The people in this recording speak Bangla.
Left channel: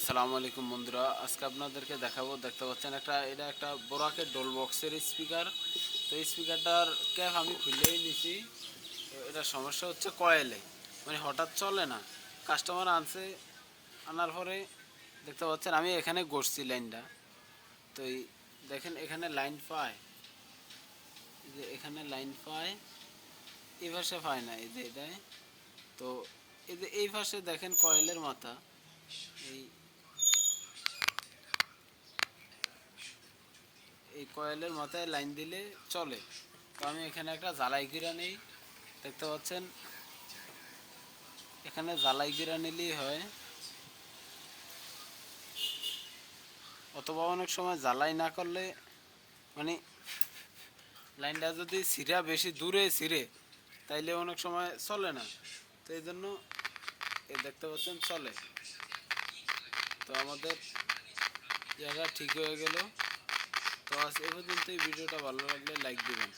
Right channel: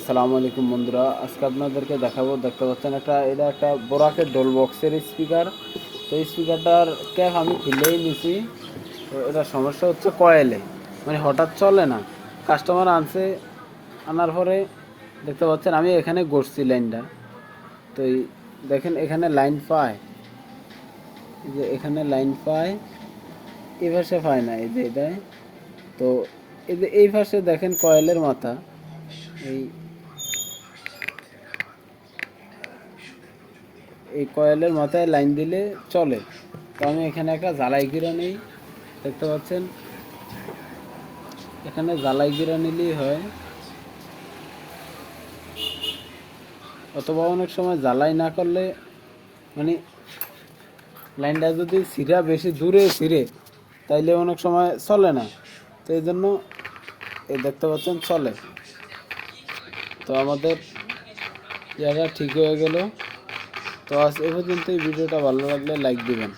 আসসালামু আলাইকুম বন্ধুরা, আজকে আপনাদেরকে দেখতে পাচ্ছেন এটা একটা বোরাকের ডোল বক্সের স্পিকার। তো এই স্পিকারটার ক্যাপ আমি খুলেই নিছি। তো এটা সমস্যা হচ্ছে কয়েলে, মানে হঠাৎ চলে না। কাস্টমার আনার পরে দেখতে পাচ্ছেন আমি এখানে গড়ছি লাইনটা। তো দেখেন এখানে লাইন পায়, এই যে এখানে লাইন পায়, এই পাশে পায় না, এই যে এটাই। তো এই যে এই পাশে দেখেন কয়েলের মাথা, এই এই কয়েলের মাথায় লাইন দিলে চলে। তো আমি এখানে একটা জ্বালাই গিরা নেই, দেখতে পাচ্ছেন এখানে জ্বালাই গিরা নিলেই হয়, অথবা অনেক সময় জ্বালাই না করলে মানে লাইনটা যদি বেশি দূরে ছিঁড়ে তাইলে অনেক সময় চলে না। তো এই জন্য এই দেখতে পাচ্ছেন চলে। তো আমাদের জায়গা ঠিক হয়ে গেল। তো আজ এ পর্যন্ত। এই ভিডিওটা ভালো লাগলে লাইক দিবেন।